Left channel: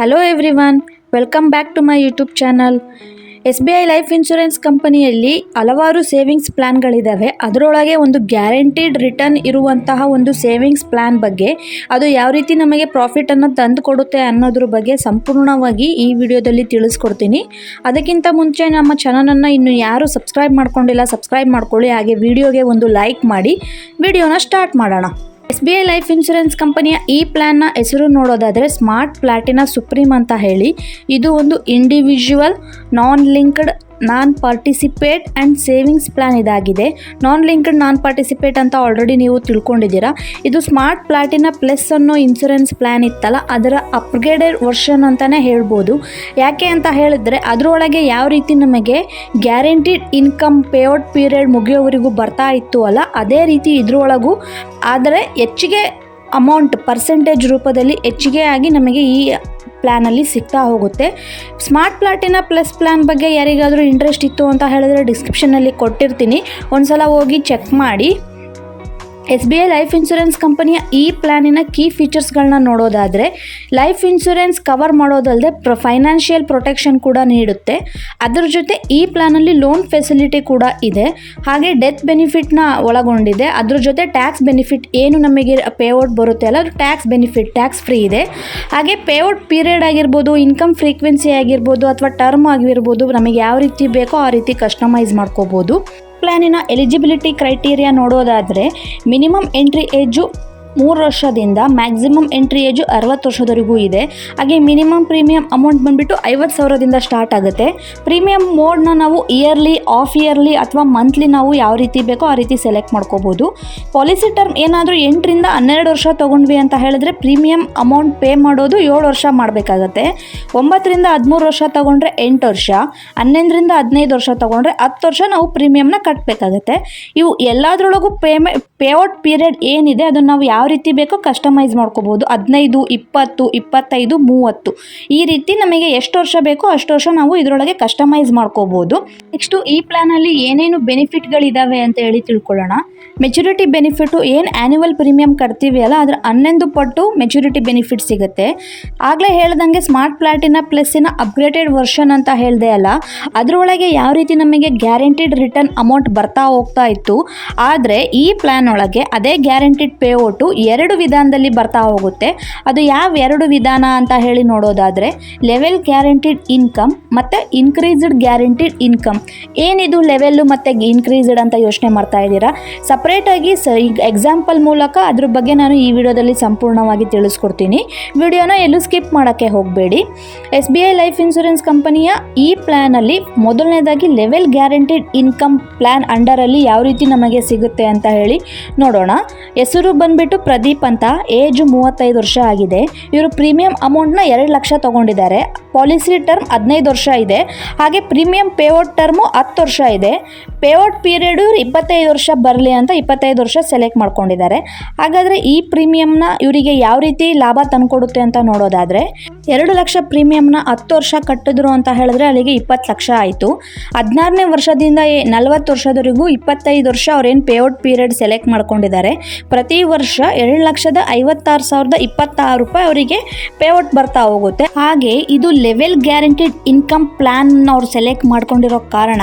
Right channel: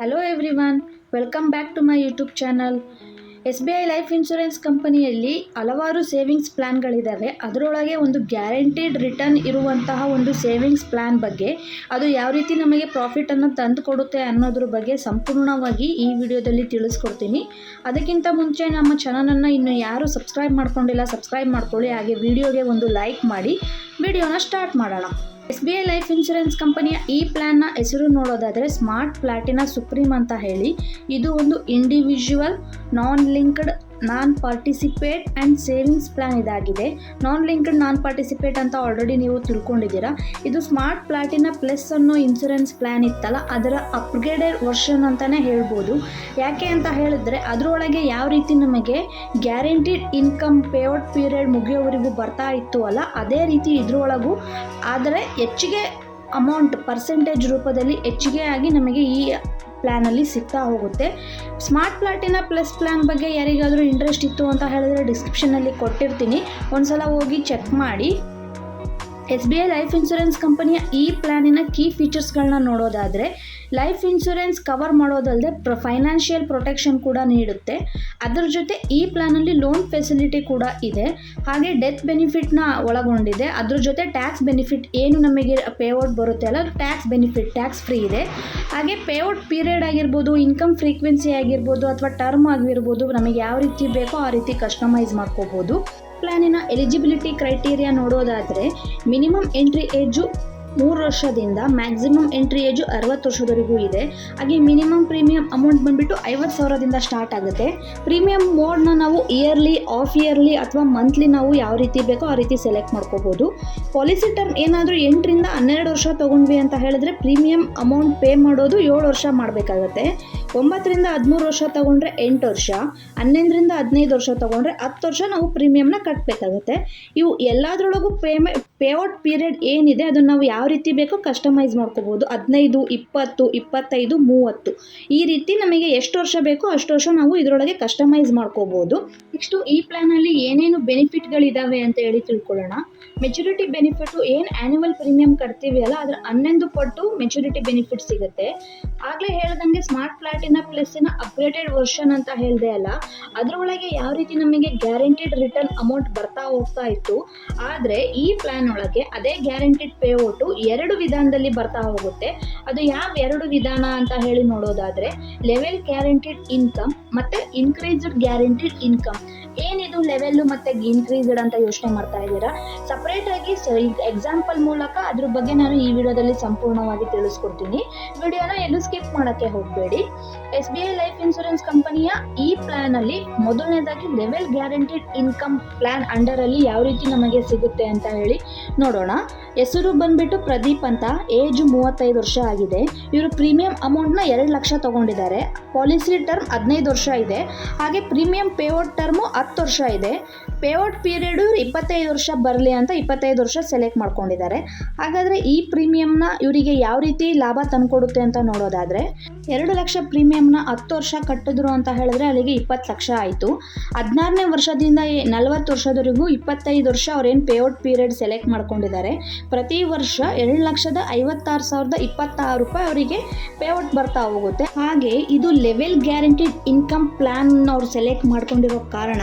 Hello everyone, welcome back to my YouTube channel. SBI life insurance ಕಂಪನಿಯಲ್ಲಿ ಹಲವಾರು savings ಪ್ಲ್ಯಾನ್ಗಳಿದ್ದಾವೆ. ಅದರೊಳಗೆ ಒಂದು ಗ್ಯಾರಂಟಿಡ್ ರಿಟರ್ನ್ ಇರುವಂತಹ ಒಂದು ಸೇವಿಂಗ್ಸ್ ಪ್ಲ್ಯಾನ್ ಬಗ್ಗೆ, ಅದು ಯಾವ ರೀತಿ ನಮಗೆ ಪ್ರಾಫಿಟನ್ನು ತಂದು ಕೊಡುತ್ತೆ ಅನ್ನೋದ್ರ ಬಗ್ಗೆ ಸಂಪೂರ್ಣವಾಗಿ ಈ ವಿಡಿಯೋದಲ್ಲಿ ತಿಳಿಸ್ಕೊಡ್ತೀನಿ. ಅದಕ್ಕಿಂತ ಮುಂಚೆ ನಮ್ಮ ಚಾನಲನ್ನು ಇನ್ನು ಯಾರು ಸಬ್ಸ್ಕ್ರೈಬ್ ಮಾಡ್ಕೊಂಡಿಲ್ಲ, ಸಬ್ಸ್ಕ್ರೈಬ್ ಮಾಡ್ಕೊಳ್ಳಿ. ಹಾಗೆ ವಿಡಿಯೋಗೆ ಒಂದು ಲೈಕ್ ಮಾಡಿ ವಿಡಿಯೋನ ಸ್ಟಾರ್ಟ್ ಮಾಡೋಣ. SBI ಲೈಫ್ ಇನ್ಶೂರೆನ್ಸ್ ಕಂಪನಿಯ ಈ ಪ್ಲ್ಯಾನ್ನ ಹೆಸರು ನೋಡೋದಾದರೆ ಸ್ಮಾರ್ಟ್ ಪ್ಲಾಟಿನಾ ಸುಪ್ರೀಂ ಅಂತ ಹೇಳಿ. ಇದು ಒಂದು individual non linked non participate and savings plan ಇದಾಗಿದೆ. ನಾನ್ ಲಿಂಕ್ಡ್ ನಾನ್ ಪಾರ್ಟಿಸಿಪೇಟ್ ಅಂತ ಆಲ್ರೆಡಿ ನೀವು ತಿಳ್ಕೊಂಡಿದ್ದೀರಾ. ಇದು ಸ್ಮಾರ್ಟ್ ಪ್ಲಾಟಿನಾ ಪ್ಲಸ್ ಅನ್ನೋ ಇನ್ಶೂರೆನ್ಸ್ ಪ್ಲ್ಯಾನ್ ಇತ್ತಲ್ಲ, ಅದರ ಅಪ್ಗ್ರೇಡೆಡ್ ವರ್ಷನ್ ಅಂತಲೇ ಹೇಳ್ಬೋದು. ಯಾಕೆ ಅಂತ ಹೇಳಿದ್ರೆ ಅದರೊಳಗೆ ಯಾವ ರೀತಿ ನಮಗೆ ಗ್ಯಾರಂಟಿಡ್ ಇನ್ಕಮ್ ಪೇಔಟ್ ಪೀರಿಯಡ್ ಮುಗಿಯೋವರೆಗೂ ಬರ್ತಾ ಇತ್ತು ಅಲ್ಲ, ಅದೇ ರೀತಿ ಇದರೊಳಗೂ ಆದರೆ ಹೆಚ್ಚಿಗೆ ಅಮೌಂಟ್ ಪರ್ಸೆಂಟೇಜ್ ರೂಪದಲ್ಲಿ ಹೆಚ್ಚಿಗೆ ಆಗಿ ನಮಗೆ ಈ ಪ್ಲ್ಯಾನಲ್ಲಿ ಸಿಗ್ತಾ ಹೋಗುತ್ತೆ. ಸ್ಮಾರ್ಟ್ ಪ್ಲಾಟಿನಾ ಪ್ಲಸ್ ಪ್ಲ್ಯಾನ್ ಬಗ್ಗೆ ಯಾರಿಗಾದರೂ ಇಂಟ್ರೆಸ್ಟ್ ಇತ್ತು ಅಂತ ಹೇಳಿದ್ರೆ ಡಿಸ್ಕ್ರಿಪ್ಷನಲ್ಲಿ ಕೊಟ್ಟಿರ್ತೀನಿ, ಒಂದ್ಸಲ ಹೋಗಿ ಚೆಕ್ ಮಾಡಿ. SBI ಲೈಫ್ ಇನ್ಶೂರೆನ್ಸ್ ಕಂಪನಿಯ ಈ ಪ್ಲ್ಯಾನಿನ ಕೀ ಫೀಚರ್ಸ್ಗಳನ್ನ ನೋಡೋದಾದರೆ, ಲೈಫ್ ಇನ್ಶೂರೆನ್ಸ್ ಕವರ್ ಮಾಡೋದಲ್ಲದೆ ಫೈನಾನ್ಷಿಯಲ್ ಪ್ರೊಟೆಕ್ಷನ್ ಕೂಡ ನೀಡುತ್ತೆ. ಅದರ ಜೊತೆ ಈ ಪ್ಲ್ಯಾನಲ್ಲಿ ಲೋನ್ ಫೆಸಿಲಿಟಿ ಕೂಡ ಇದೆ. ಹಾಗೆ ಡೆತ್ ಬೆನಿಫಿಟ್ನ ಒಳಗೊಂಡಿದೆ. ಅದ್ರ ಜೊತೆ ಟ್ಯಾಕ್ಸ್ ಬೆನಿಫಿಟ್ ಏನು ನಮಗೆ ಪೇಔಟ್ ಬರುತ್ತೆ ಅಲ್ಲ, ಅದು ಟ್ಯಾಕ್ಸ್ ಬೆನಿಫಿಟ್, ಟ್ಯಾಕ್ಸ್ ಫ್ರೀ ಇದೆ. ಹಾಗೆ ಪೇಔಟ್ ಪೀರಿಯಡ್ ಆಗಿರ್ಬೋದು, ಇನ್ಕಮ್ ಫ್ರೀಕ್ವೆನ್ಸಿ ಆಗಿರ್ಬೋದು ಅಥವಾ ಟರ್ಮ್ ಆಗಿರ್ಬೋದು, ನಮಗೆ ಯಾವ ರೀತಿ ಬೇಕೋ ಆ ರೀತಿ ಕಸ್ಟಮೈಸ್ ಮಾಡ್ಕೋಬೋದು. ಪ್ಲ್ಯಾನಿನ ಎಲಿಜಿಬಿಲಿಟಿ ಕ್ರೈಟೀರಿಯಾ ನೋಡೋದಾದರೆ, ಮಿನಿಮಮ್ ಎಂಟ್ರಿ ಏಜು 3 ವರ್ಷದಿಂದ ಮ್ಯಾಕ್ಸಿಮಮ್ ಎಂಟ್ರಿ ಏಜು 60 ವರ್ಷದವರೆಗೂ ಇದೆ. ಹಾಗೆ ಮಿನಿಮಮ್ ಪ್ರೀಮಿಯಂ ಅಮೌಂಟ್ ಬಂದುಬಿಟ್ಟು 50,000ದಿಂದ ಸ್ಟಾರ್ಟ್ ಆಗುತ್ತೆ. ಪ್ರೀಮಿಯಂ ಮೋಡ್ನ ನಾವು ಇಯರ್ಲಿ, ಆಫ್ ಇಯರ್ಲಿ ಅಥವಾ ಮಂತ್ಲಿ ನಾವು ಯಾವ ರೀತಿ ಬೇಕೋ ಆ ರೀತಿ ಸೆಲೆಕ್ಟ್ ಮಾಡ್ಕೋಬೋದು. ಪಾಲಿಸಿ ಟರ್ಮ್ ಏನಾದರೂ 8ರಿಂದ 12 ವರ್ಷ ತೊಗೊಂಡ್ವಿ ಅಂತ ಹೇಳಿದ್ರೆ ಪ್ರೀಮಿಯಂ ಅಮೌಂಟ್ ಪೇ ಮಾಡೋದು 7 ವರ್ಷ ಮಾಡಬೇಕಾಗತ್ತೆ. 9ರಿಂದ 13 ವರ್ಷ ತೊಗೊಂಡ್ರೆ 8 ವರ್ಷ, 11ರಿಂದ 15 ವರ್ಷ ತೊಗೊಂಡ್ರೆ 10 ವರ್ಷ ನಾವು ಪ್ರೀಮಿಯಂನ ಕಟ್ಟಬೇಕಾಗತ್ತೆ. ಇವು ಎಲ್ಲದರೊಳಗೂ ಪೇಔಟ್ ಪೀರಿಯಡ್ ಏನಿದೆ ಅದನ್ನು ನಾವು ಯಾವ ರೀತಿ ಬೇಕೋ ಕಸ್ಟಮೈಸ್ ಮಾಡ್ಕೋಬೋದು. 15, 20, 25, 30 ಈ ರೀತಿ ನಮಗೆ ಎಷ್ಟು ವರ್ಷ ಬೇಕೋ ಅಷ್ಟು ವರ್ಷ ನಾವು ಇದರೊಳಗೆ ಕಸ್ಟಮೈಸ್ ಮಾಡ್ಕೋಬೋದು. ನೆಕ್ಸ್ಟು ಈ ಪ್ಲ್ಯಾನಲ್ಲಿ ಏನೇನು ಬೆನಿಫಿಟ್ಗಳಿದ್ದಾವೆ ಅಂತ ಹೇಳಿ ತಿಳ್ಕೊಳ್ಳೋಣ. ಮೆಚುರಿಟಿ ಬೆನಿಫಿಟು ಏನು ಆ್ಯನ್ಯುವಲ್ ಪ್ರೀಮಿಯಂ ಕಟ್ತೀವಿ ಅಲ್ಲ, ಅದರ 11 ಪಟ್ಟು ಮೆಚುರಿಟಿ ಬೆನಿಫಿಟ್ ಸಿಗುತ್ತೆ. ಆಗಲೇ ಹೇಳ್ದಂಗೆ ಸ್ಮಾರ್ಟ್ ಪ್ಲಾಟಿನಾ ಪ್ಲಸ್ಸಿನ ಅಪ್ಗ್ರೇಡೆಡ್ ವರ್ಷನ್ ಅಂತ ಹೇಳಿದೆ ಅಲ್ಲ, ಅದರೊಳಗೆ ಯಾವ ರೀತಿ ನಮಗೆ ಗ್ಯಾರಂಟಿಡ್ ರಿಟರ್ನ್ ಅಮೌಂಟ್ ಬರ್ತಾ ಹೋಗ್ತಾ ಇತ್ತು. ಆದರೆ ಈ ಪ್ಲ್ಯಾನ್ ಒಳಗೆ ಅದೇ ಗ್ಯಾರಂಟಿಡ್ ಪೇಔಟು 2 ವಿಧಾನದಲ್ಲಿ ಬರ್ತಾ ಹೋಗುತ್ತೆ. ಅದು ಯಾವ 2 ವಿಧಾನ ಅಂತ ಹೇಳಿ ನೋಡೋದಾದರೆ, ಲೆವೆಲ್ ಗ್ಯಾರಂಟಿಡ್ ಇನ್ಕಮ್ ಮತ್ತು ಇನ್ಕ್ರೀಸ್ಡ್ ಗ್ಯಾರಂಟಿಡ್ ಇನ್ಕಮ್. ಏನಿದು ಲೆವೆಲ್ಲು ಮತ್ತು ಇನ್ಕ್ರೀಸ್ಡ್ ಅಂತ ಯೋಚನೆ ಮಾಡ್ತಾ ಇದ್ದೀರಾ? ಸಪ್ರೇಟಾಗಿ ಎಕ್ಸಾಂಪಲ್ ಮೂಲಕ ಅದ್ರ ಬಗ್ಗೆ ನಾನು ಈ ವಿಡಿಯೋದಲ್ಲಿ ಸಂಪೂರ್ಣವಾಗಿ ತಿಳಿಸ್ಕೊಡ್ತೀನಿ. ವಿಡಿಯೋನ ಎಲ್ಲೂ ಸ್ಕಿಪ್ ಮಾಡೋಕ್ಕೆ ಹೋಗಬೇಡಿ. SBI ಲೈಫ್ ಇನ್ಶೂರೆನ್ಸ್ ಕಂಪನಿಯ ಈ ಪ್ಲ್ಯಾನಲ್ಲಿ ಮೊದಲನೇದಾಗಿ ಲೆವೆಲ್ ಗ್ಯಾರಂಟಿಡ್ ಇನ್ಕಮ್ ಪ್ಲ್ಯಾನ್ ಅಂಡರಲ್ಲಿ ಯಾವ ರೀತಿ ನಮಗೆ ಸಿಗುತ್ತೆ ಅಂತ ಹೇಳಿ ನೋಡೋಣ. ಹೆಸರು ಬಂದುಬಿಟ್ಟು ಪ್ರದೀಪ್ ಅಂತ, ಏಜು 35 ವರ್ಷ ಆಗಿದೆ. ಇವರು ಪ್ರೀಮಿಯಂ ಅಮೌಂಟ್ನ 2 ಲಕ್ಷ ತೊಗೊಂಡಿದ್ದಾರೆ. ಪಾಲಿಸಿ ಟರ್ಮ್ 15 ವರ್ಷ ಇದೆ. ಹಾಗೆ ಪ್ರೀಮಿಯಂ ಪೇಔಟ್ ಟರ್ಮು 10 ವರ್ಷ ಇದೆ. ಪೇಔಟ್ ಪೀರಿಯಡು 25 ವರ್ಷ ಬರಲಿ ಅಂತ 25 ವರ್ಷ ಸೆಲೆಕ್ಟ್ ಮಾಡ್ಕೊಂಡಿದ್ದಾರೆ. ಹಾಗಾದರೆ ಈ ಪ್ರೀಮಿಯಂನ ಇವರಿಗೆ ಯಾವ ರೀತಿ ಲಾಭ ತಂದುಕೊಡುತ್ತೆ ಅಂತ ನೋಡೋದಾದರೆ, 2 ಲಕ್ಷ ಪ್ರೀಮಿಯಂನ 10 ವರ್ಷ ಕಟ್ಟಿದ್ರು ಅಂತ ಹೇಳಿದ್ರೆ ಅಲ್ಲಿಗೆ 20 ಲಕ್ಷ ಆಯಿತು. 16ನೇ ವರ್ಷದಿಂದ 40 ವರ್ಷದವರೆಗೂ 25 ವರ್ಷ ಅವ್ರೇನು ಪೇಔಟ್ ಪೀರಿಯಡ್ ಸೆಲೆಕ್ಟ್ ಮಾಡ್ಕೊಂಡಿದ್ದಾರೆ. ಪ್ರತಿ ವರ್ಷ 2,56,026 ರೂಪಾಯಿ ಅವರಿಗೆ ಪೇಔಟ್ ಬರ್ತಾ ಹೋಗುತ್ತೆ. ಹಾಗೆ ಇದು ಲೆವೆಲ್ ಗ್ಯಾರಂಟಿಡ್ ಇನ್ಕಮ್ ಪ್ಲ್ಯಾನ್ ಅವ್ರು ಸೆಲೆಕ್ಟ್ ಮಾಡ್ಕೊಂಡಿರೋ ಕಾರಣ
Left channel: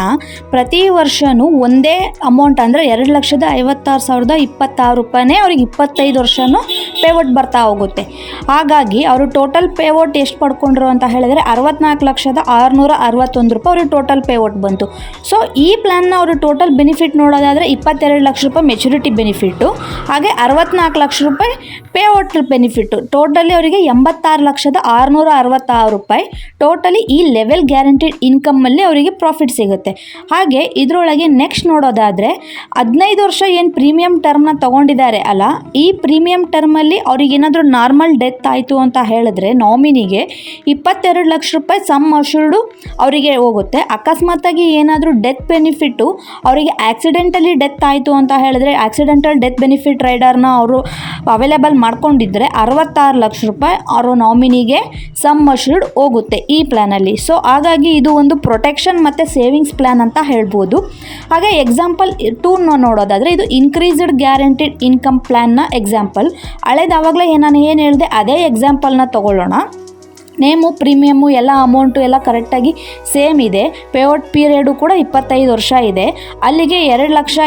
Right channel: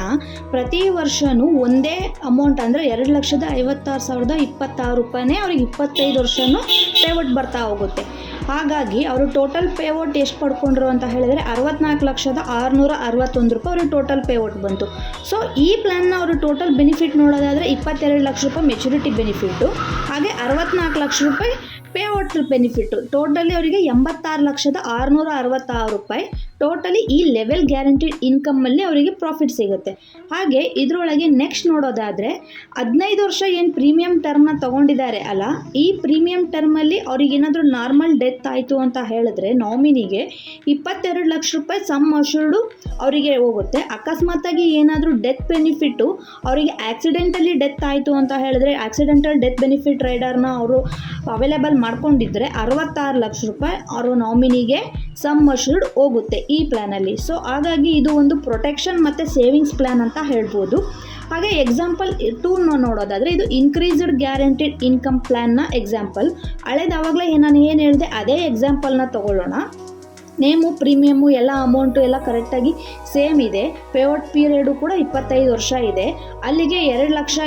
ಪ್ರತಿ ವರ್ಷವೂ ಒಂದೇ ಅಮೌಂಟ್ ಅಂದರೆ 2,56,026 ರೂಪಾಯಿನೇ ಅವ್ರಿಗೆ 25 ವರ್ಷವೂ ಪೇಔಟ್ ಬರ್ತಾ ಹೋಗುತ್ತೆ. ಹಾಗಾಗಿ ಅವರು ಟೋಟಲ್ ಪೇಔಟ್ ಎಷ್ಟು ಪಡ್ಕೊಂಡ್ರು ಅಂತ ಹೇಳಿದರೆ 64,661 ರೂಪಾಯಿ ಅವ್ರಿಗೆ ಟೋಟಲ್ ಪೇಔಟ್ ಬಂತು. ಸೊ ಈ ಪ್ಲ್ಯಾನ್ನ ಅವರು ಟೋಟಲ್ ಬೆನಿಫಿಟ್ ನೋಡೋದಾದರೆ 22 ಲಕ್ಷ ರೂಪಾಯಿ ಮೆಚುರಿಟಿ ಬೆನಿಫಿಟ್ಟು, ಹಾಗೆ 64 ಲಕ್ಷ ರೂಪಾಯಿ ಪೇಔಟ್ ಬೆನಿಫಿಟ್ಟು. ಟೋಟಲಿ ಅವರಿಗೆ 86,666 ರೂಪಾಯಿ ಟೋಟಲಿ ಈ ಲೆವೆಲ್ ಗ್ಯಾರಂಟಿಡ್ ಇನ್ಕಮಲ್ಲಿ ಅವರಿಗೆ ಪ್ರಾಫಿಟ್ ಸಿಗುತ್ತೆ. ಹಾಗೆ ಇದರೊಳಗೆ ನೆಕ್ಸ್ಟ್ ನೋಡೋದಾದರೆ 15 ವರ್ಷ ಏನು ಪ್ರೀಮಿಯಂ ಟರ್ಮ್ನ ತೊಗೊಂಡಿದ್ದಾರೆ ಅಲ್ಲ, ಈ ಪ್ರೀಮಿಯಂ ಟರ್ಮಲ್ಲಿ ಅವ್ರಿಗೇನಾದರೂ ನಾರ್ಮಲ್ ಡೆತ್ ಆಯಿತು ಅಂತ ಹೇಳಿದ್ರೆ ನಾಮಿನಿಗೆ 22 ಲಕ್ಷ ರೂಪಾಯಿ ಸಮ್ ಅಶ್ಯೂರ್ಡು ಅವರಿಗೆ ಹೋಗುತ್ತೆ. ಅಕಸ್ಮಾತಾಗಿ ಏನಾದರೂ ಡೆತ್ ಬೆನಿಫಿಟ್ಟು ಅವರಿಗೆ ಆಕ್ಸಿಡೆಂಟಲಿ ಡೆತ್ ಆಯಿತು ಅಂತ ಹೇಳಿದ್ರೆ ಆಕ್ಸಿಡೆಂಟಲ್ ಡೆತ್ ಬೆನಿಫಿಟ್ ರೈಡರ್ನ ಅವರು ಅವೈಲೇಬಲ್ ಮಾಡ್ಕೊಂಡಿದ್ದರೆ 66 ಲಕ್ಷ ರೂಪಾಯಿ ಅವರು ನಾಮಿನಿಗೆ ಸಮ್ ಅಶ್ಯೂರ್ಡ್ ಹೋಗುತ್ತೆ ಈ ಪ್ಲ್ಯಾನಲ್ಲಿ. ಸೊ ಹಾಗಾಗಿ ಇದು ಒಂದು ಪ್ರೊಟೆಕ್ಷನ್ ಮತ್ತು ಸೇವಿಂಗ್ಸ್ ಪ್ಲ್ಯಾನ್ ಅಂತ ಹೇಳ್ಬೋದು. ಹಾಗೆ ಎಕ್ಸಾಂಪಲ್ 2 ನೋಡೋದಾದರೆ ಇದು ಇನ್ಕ್ರೀಸ್ಡ್ ಗ್ಯಾರಂಟಿಡ್ ಇನ್ಕಮ್ ಪ್ಲ್ಯಾನ್ನ ಎಕ್ಸಾಂಪಲ್. ಹಳೇದು ಆವಾಗಲೇ ನಾನು ಏನು ಹೇಳಿದೆ ಅದೇ ಎಕ್ಸಾಂಪಲ್ನ ತೊಗೊಳ್ಳೋಣ. ನೇಮು ಪ್ರೀಮಿಯಮ್ಮು ಎಲ್ಲ ಅಮೌಂಟು ಎಲ್ಲ ಕರೆಕ್ಟಾಗಿ ಸೇಮ್ ಇದೆ. ಪೇಔಟ್ ಪೀರಿಯಡು ಕೂಡ 25 ವರ್ಷ ಇದೆ. ಅಲ್ಲಿಗೆ 2 ಲಕ್ಷ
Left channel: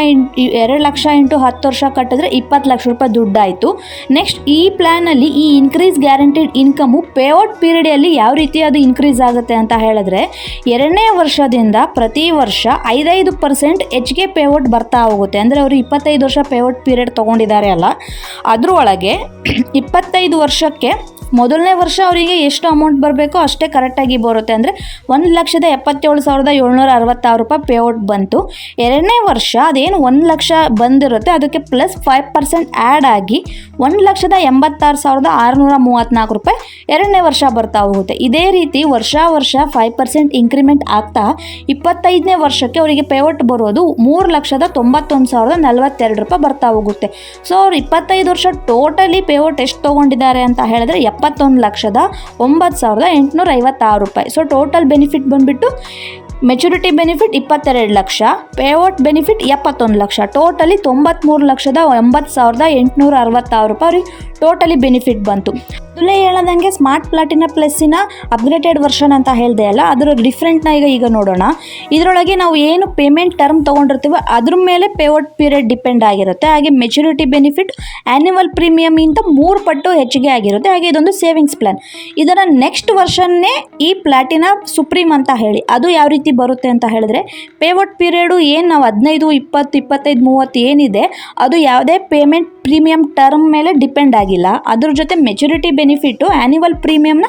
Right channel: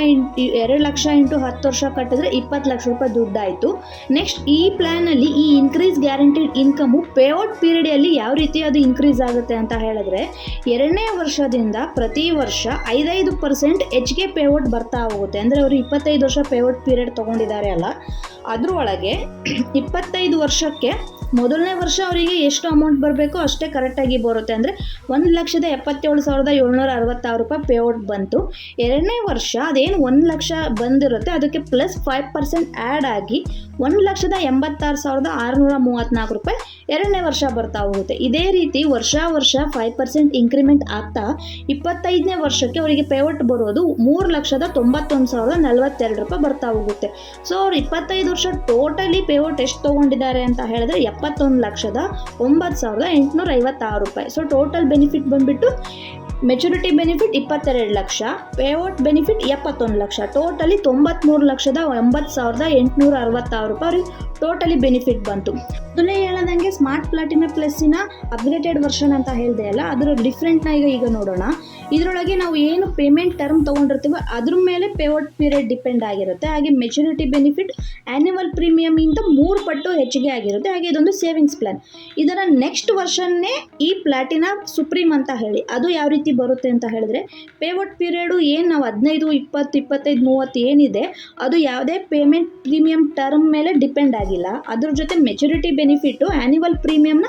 ಇಂಟು 10 ವರ್ಷ ಕಟ್ಟಿದ್ರೆ 20 ಲಕ್ಷ ರೂಪಾಯಿ ದುಡ್ಡಾಯಿತು. ನೆಕ್ಸ್ಟ್ ಈ ಪ್ಲ್ಯಾನಲ್ಲಿ ಈ ಇನ್ಕ್ರೀಸ್ ಗ್ಯಾರಂಟಿಡ್ ಇನ್ಕಮು ಪೇಔಟ್ ಪೀರಿಯಡಲ್ಲಿ ಯಾವ ರೀತಿ ಅದು ಇನ್ಕ್ರೀಸ್ ಆಗುತ್ತೆ ಅಂತ ಹೇಳಿದ್ರೆ 2ನೇ ವರ್ಷದಿಂದ ಪ್ರತಿ ವರ್ಷ 5% ಹೆಚ್ಚಿಗೆ ಪೇಔಟ್ ಬರ್ತಾ ಹೋಗುತ್ತೆ. ಅಂದರೆ ಅವರು 25 ವರ್ಷ ಪೇಔಟ್ ಪೀರಿಯಡ್ ತೊಗೊಂಡಿದ್ದಾರೆ ಅಲ್ಲ, ಅದರೊಳಗೆ 25 ವರ್ಷಕ್ಕೆ ಮೊದಲನೇ ವರ್ಷ ಅವರಿಗೆ ಎಷ್ಟು ಅಮೌಂಟ್ ಬರಬೇಕೋ ಅಷ್ಟೇ ಕರೆಕ್ಟಾಗಿ ಬರುತ್ತೆ. ಅಂದರೆ 1,77,766 ರೂಪಾಯಿ ಪೇಔಟ್ ಬಂತು. 2ನೇ ವರ್ಷ ಅದೇನು 1 ಲಕ್ಷ ಬಂದಿರುತ್ತೆ ಅದಕ್ಕೆ ಪ್ಲಸ್ 5% ಆ್ಯಡ್ ಆಗಿ 1,86,634 ರೂಪಾಯಿ 2ನೇ ವರ್ಷ ಬರ್ತಾ ಹೋಗುತ್ತೆ. ಇದೇ ರೀತಿ ವರ್ಷ 5% ಇಂಕ್ರಿಮೆಂಟ್ ಆಗ್ತಾ 25ನೇ ವರ್ಷಕ್ಕೆ ಅವರಿಗೆ ಪೇಔಟ್ ಬರೋದು 3,91,042 ರೂಪಾಯಿ ಬರ್ತಾ ಹೋಗುತ್ತೆ. ಸೊ ಅವ್ರು 25 ವರ್ಷ ಟೋಟಲಿ ಪೇಔಟ್ ಎಷ್ಟು ತೊಗೊಂಡಿದ್ದಾರೆ ಅಂತ ಹೇಳಿದ್ರೆ 71,09,856 ರೂಪಾಯಿ. ಸೊ ಟೋಟಲ್ ಬೆನಿಫಿಟ್ ಬಂದುಬಿಟ್ಟು maturity benefit 22 lakh, payout benefit 71 lakh, totally 93,09,866 ರೂಪಾಯಿ ಅವ್ರಿಗೆ ಟೋಟಲಿ ಬೆನಿಫಿಟ್ ಬಂತು. ಮೊದಲೇ ಹೇಳದಂಗೆ ಸ್ಮಾರ್ಟ್ ಪ್ಲಾಟಿನಾ ಪ್ಲಸ್ಸಿನ ಅಪ್ಗ್ರೇಡೆಡ್ ವರ್ಷನ್ ಅಂತ ಹೇಳಿದೆ ಅಲ್ಲ, ಅದರ ಡಿಫ್ರೆಂಟ್ನ ಈಗ ನೋಡೋಣ. ಇದರೊಳಗೆ ನಾವು ಏನು ಪೇಮೆಂಟ್ ಟರ್ಮ್ ತೊಗೊಂಡಿರ್ತೀವೋ ಅದ್ರ ಮೇಲೆ ಪೇಔಟ್ ಪೀರಿಯಡ್ ಡಿಪೆಂಡ್ ಆಗಿರುತ್ತೆ. ಹಾಗೆ ಮೆಚುರಿಟಿ ಬೆನಿಫಿಟ್ ಆ್ಯನ್ಯುವಲ್ ಪ್ರೀಮಿಯಮಿಂದ 3 ಪಟ್ಟು ಹೆಚ್ಚಿಗೆ ಆಗಿರುತ್ತೆ. ಹಾಗೆ ಇದೊಂದು ಸೇವಿಂಗ್ಸ್ ಪ್ಲಾನ್. ಇದರ ನೆಕ್ಸ್ಟ್ ವರ್ಷನ್ನೇ ಈ ಪ್ಲಾಟಿನಾ ಸುಪ್ರೀಮ್ ಅಂತ ಹೇಳಿ ಅದು ಯಾವ ರೀತಿ ಬರುತ್ತೆ ಅಂತ ಹೇಳಿದ್ರೆ ಪೇಔಟ್ ಪೀರಿಯಡು ಏನು ನಾವು 15, 20, 25, 30 ಏನಿದೆ ಅದು ಯಾವುದೇ ಪೇಮೆಂಟ್ ಪ್ರೀಮಿಯಂ ಟರ್ಮ್ ಮೇಲೆ ಡಿಪೆಂಡ್ ಆಗಿಲ್ಲ. ಅದ್ರ ಜೊತೆ ಮೆಚುರಿಟಿ ಬೆನಿಫಿಟ್ಟು ಆ್ಯನ್ಯುವಲ್ ಪ್ರೀಮಿಯಮ್ನ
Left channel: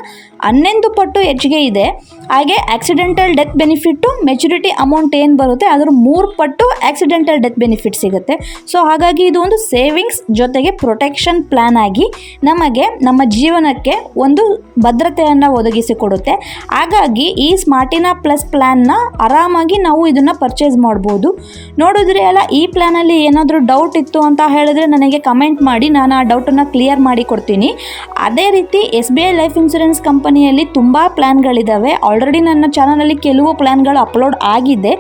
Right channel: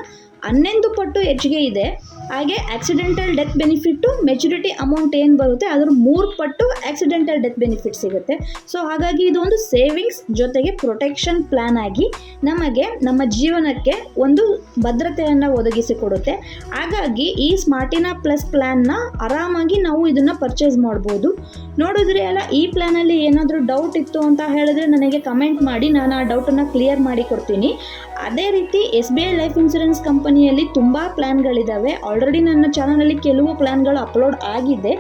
11 ಪಟ್ಟು ಹೆಚ್ಚಿಗೆ ಇದೆ. ಹಾಗೆ accidental death benefit maturity amount ಏನು ಬರುತ್ತೆ ಅದ್ರ 3 ಪಟ್ಟು ಆಕ್ಸಿಡೆಂಟಲ್ ಡೆತ್ ಬೆನಿಫಿಟ್ ಸಿಗುತ್ತೆ. ಸೊ ಹಾಗಾಗಿ ಇದು ಒಂದು ಸೇವಿಂಗ್ಸ್ ಜೊತೆಗೆ ಪ್ರೊಟೆಕ್ಷನ್ ಪ್ಲ್ಯಾನ್ ಆಗಿ ನಮಗೆ ನಮ್ಮ ಜೀವನಕ್ಕೆ ಒಂದು ಭದ್ರತೆಯನ್ನು ಒದಗಿಸಿಕೊಡುತ್ತೆ. ಹಾಗಾಗಿ ಈ ಸ್ಮಾರ್ಟಿನಾ ಪ್ಲಸ್ ಪ್ಲ್ಯಾನ್ನ ಆರಾಮಾಗಿ ನಾವು ಇದನ್ನು ಪರ್ಚೇಸ್ ಮಾಡ್ಬೋದು. ನೋಡಿದ್ರೆ ಅಲ್ಲ, ಈ ಪ್ಲ್ಯಾನಲ್ಲಿ ಏನಾದರೂ ಡೌಟ್ ಇತ್ತು ಅಂತ ಹೇಳಿದ್ರೆ ನನಗೆ ಕಮೆಂಟ್ ಮಾಡಿ, ನಾನು ಆ ಡೌಟನ್ನು ಕ್ಲಿಯರ್ ಮಾಡಿ ಕೊಡ್ತೀನಿ. ಅದೇ ರೀತಿ SBI ಲೈಫ್ ಇನ್ಶೂರೆನ್ಸ್ ಕಂಪನಿಯಲ್ಲಿ ತುಂಬ ಪ್ಲ್ಯಾನ್ಗಳಿದ್ದಾವೆ. ಆಲ್ರೆಡಿ ನನ್ನ ಚಾನಲಲ್ಲಿ ಕೆಲವು ಪ್ಲ್ಯಾನ್ಗಳು ಅಪ್ಲೋಡ್ ಆಗಿದೆ.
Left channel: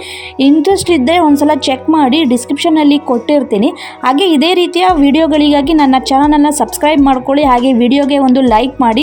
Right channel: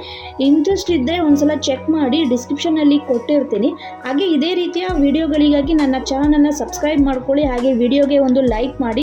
ಇಂಟ್ರೆಸ್ಟ್ ಇದ್ದರೆ ಒಂದ್ಸಲ ಚೆಕ್ ಮಾಡಿ, ಡಿಸ್ಕ್ರಿಪ್ಷನಲ್ಲಿ ಕೊಟ್ಟಿರ್ತೀನಿ. ಹಾಗೆ ಇದೇ ರೀತಿಯ ವಿಡಿಯೋಗಳಿಗಾಗಿ ನನ್ನ ಚಾನಲನ್ನು ಸಬ್ಸ್ಕ್ರೈಬ್ ಮಾಡ್ಕೊಳ್ಳಿ. ಹಾಗೆ ವಿಡಿಯೋಗೆ ಒಂದು ಲೈಕ್ ಮಾಡಿ.